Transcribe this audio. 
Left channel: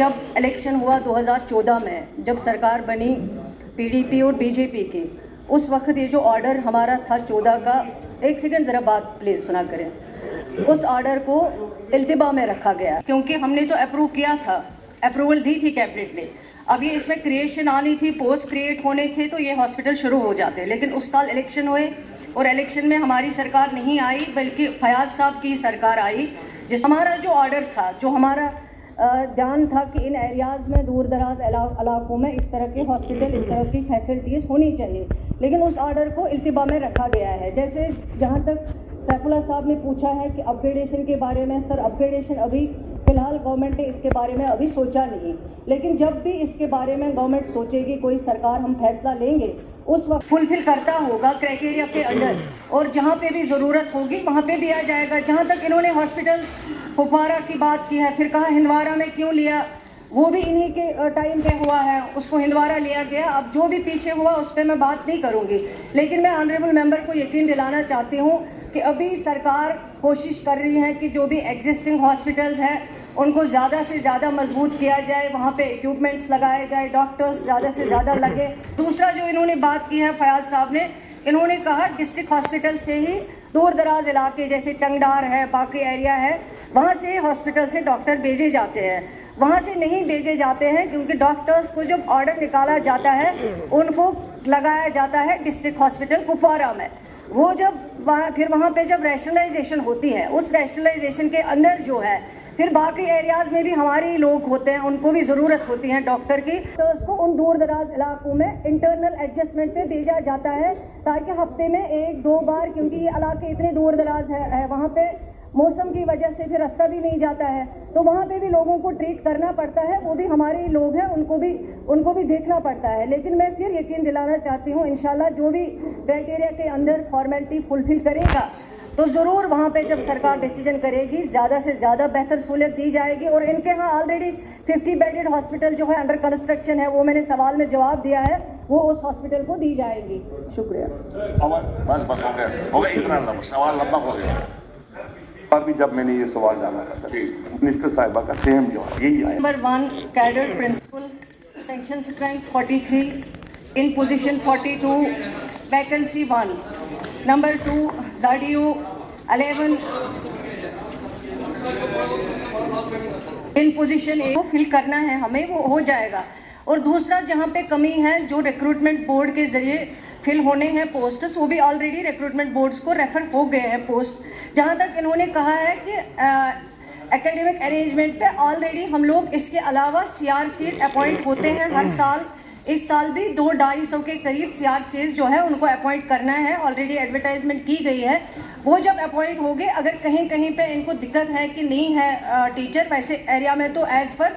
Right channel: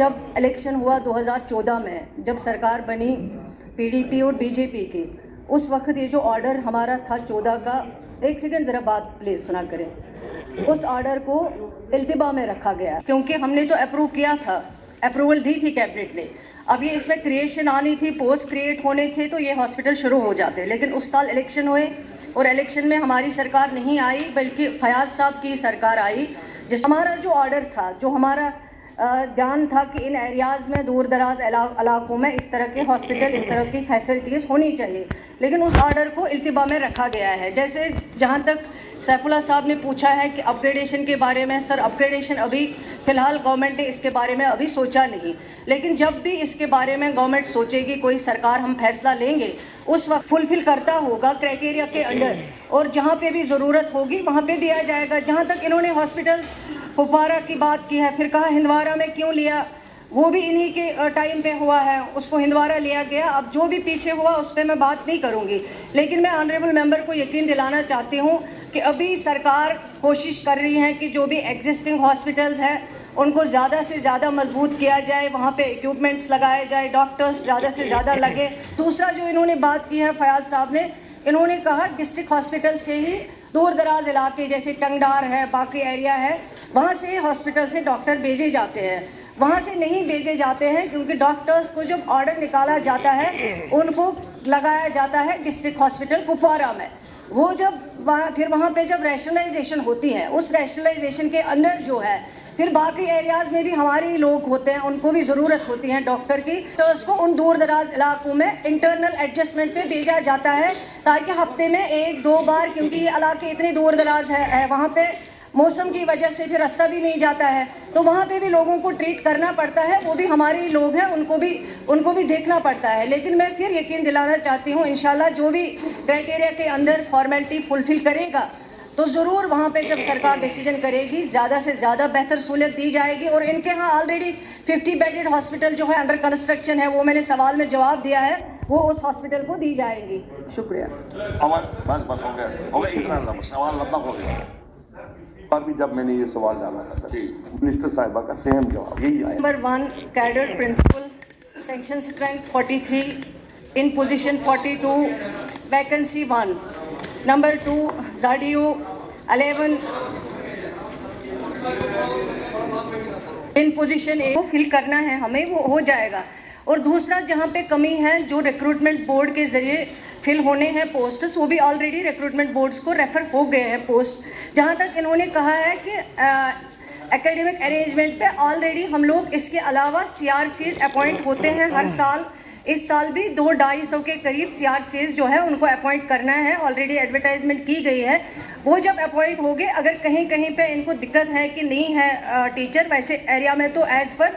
जब इलेक्शन हुआ 2014 में, जब सरकार बनी पीडीपी और बीजेपी की, उस वक्त ये जो ऑर्डर हमारा था 14 का, एक सेकंड ज़रा बात प्लीज़ सुना करें, उस ऑर्डर को इल्तिबा में रखा गया क्योंकि हमने तो अप्रूव किया था, अप्रूवल दी थी कैबिनेट ने। अब ये इसमें क्रिएशन आनी थी, पोस्ट क्रिएट होने थे तो ये हॉस्पिटल शुरू हो जाते, लेकिन उस साल इलेक्शन हुए और इलेक्शन में हमारी सरकार नहीं आई बल्कि फयाज साहब की सरकार आई। जिस हमारा जो ऑर्डर था, जो हमारा ध्यान था कि इन एरियाज़ में, दूर दराज इलाकों में इस तरह के हॉस्पिटल, इस तरह की फैसिलिटीज़ होनी चाहिए, लेकिन उस ऑर्डर को इल्तिबा में रखा गया है। जैसे जहाँ तक सैफुल्ला साहब ने पूछा है कि अपग्रेडेशन के बारे में, सर अपग्रेडेशन अभी फ़िलहाल गवर्नमेंट ने इसके बारे में अभी सोचा नहीं, लेकिन जब भी इसके बारे में गवर्नमेंट सोचेगी, कोई सरकार हम फैसला लेंगे, उस वक्त फुलफिल करता होगा क्राइटेरिया के अंडर, और जहाँ पे भी ज़रूरत होगी वहाँ पे दिया जाएगा। जहाँ तक इन्होंने हॉस्पिटल कुपवारा की बात की है, फिर कहा हिंदवारा में क्यों लिया, वो भी इन्हीं के टाइम पे हुआ है, उसको हिंदवारा लिया गया। अब जो भी पीछे हुआ उस पर मैं बात नहीं करूँगी, लेकिन मैं ऑनरेबल मेंबर को यकीन दिलाना चाहती हूँ कि अभी सरकार कोशिश कर रही है कि जो भी एग्जिस्टिंग हॉस्पिटल्स हैं उनको ज़्यादा से ज़्यादा मजबूत किया जाए, वहाँ पे इक्विपमेंट्स लगाए जाए, डॉक्टर्स ज़्यादा से ज़्यादा लगे। दूसरा जो इन्होंने बात की है फयाज साहब ने, इन्होंने कहा डिस्ट्रिक्ट हॉस्पिटल से ही दूर दराज इलाके जैसे टंगडार है, बाकी एरिया है, वहाँ से हॉस्पिटल से डॉक्टर भेजे जाते हैं, वहाँ से नहीं भेजे जाते हैं क्योंकि डॉक्टर्स को जब ऑर्डर निकाला जाता है उनको लगाया जाता है डिस्ट्रिक्ट हॉस्पिटल कुपवारा में। वो जब फिर वहाँ पे जब रैशनलाइजेशन होती है, उस रैशनलाइजेशन के अंदर जो है फिर बाकी एरियाज़ में भी हमारे लोग होते हैं, उनको भी ज़रूरत होती है डॉक्टर की, तो उसको उन दूर दराज इलाकों में इंटरनल एडजस्टमेंट पे भेजा जाता है ताकि हफ्ते में 1-2 बार, क्योंकि ये इलाके इतने दूर दराज है वहाँ पे मौसम की वजह से फिर रास्ता भी नहीं जाता है, तो वहाँ पे भी लोगों को ट्रीट करना पड़ता है, वो भी हमारे ही लोग हैं, उनको भी देखना पड़ता है। लेकिन मैं फिर यकीन दिलाना चाहती हूँ इंशाल्लाह जो भी क्राइटेरिया के अंदर फॉर्मेलिटी फुलफिल करेगा तो ज़रूर वहाँ पे जब सरकार डिसीजन करेगी ज़्यादा से ज़्यादा बेहतर सहूलियत दी जाएगी। और इनके यहाँ ऑलरेडी 50 बेडेड हॉस्पिटल जो है अंडर कंस्ट्रक्शन है, वो मैंने सवाल में जवाब दिया है, वो उस हॉस्पिटल को दी जाएगी। शुक्रिया। अभी जब मैंने ये सवाल डाला था मिनिस्टर साहिबा का सेम जवाब यही आया। Number 1 cadre principal section strength 43 in position 42 vacancy 1। Number 2 जाडियो 11 इन पोजीशन ए को फिल करना है हमें, वो हो जाएगा। और दूसरा जहाँ पे कमी है, जो रिक्रूटमेंट बोर्ड के जरिए फिल होने हैं पोस्ट्स, वो भी ऑलरेडी रिक्रूटमेंट बोर्ड्स को रेफर हो गए हैं पोस्ट। जहाँ तक इन्होंने कहा है कि एकेडमिक अरेंजमेंट पे ऑलरेडी हम लोग इसके अलावा CRCs अपॉइंट होते हैं हर साल। इस साल भी 200-250 के करीब CRCs जो है उनको अपॉइंट करना है, ऑलरेडी एडवर्टाइजमेंट की गई है। वो जब अपॉइंट हो गए, अगर कहीं कहीं पे इनको दिक्कत है कि नहीं है टीचर, वैसे एरिया में तो एज पर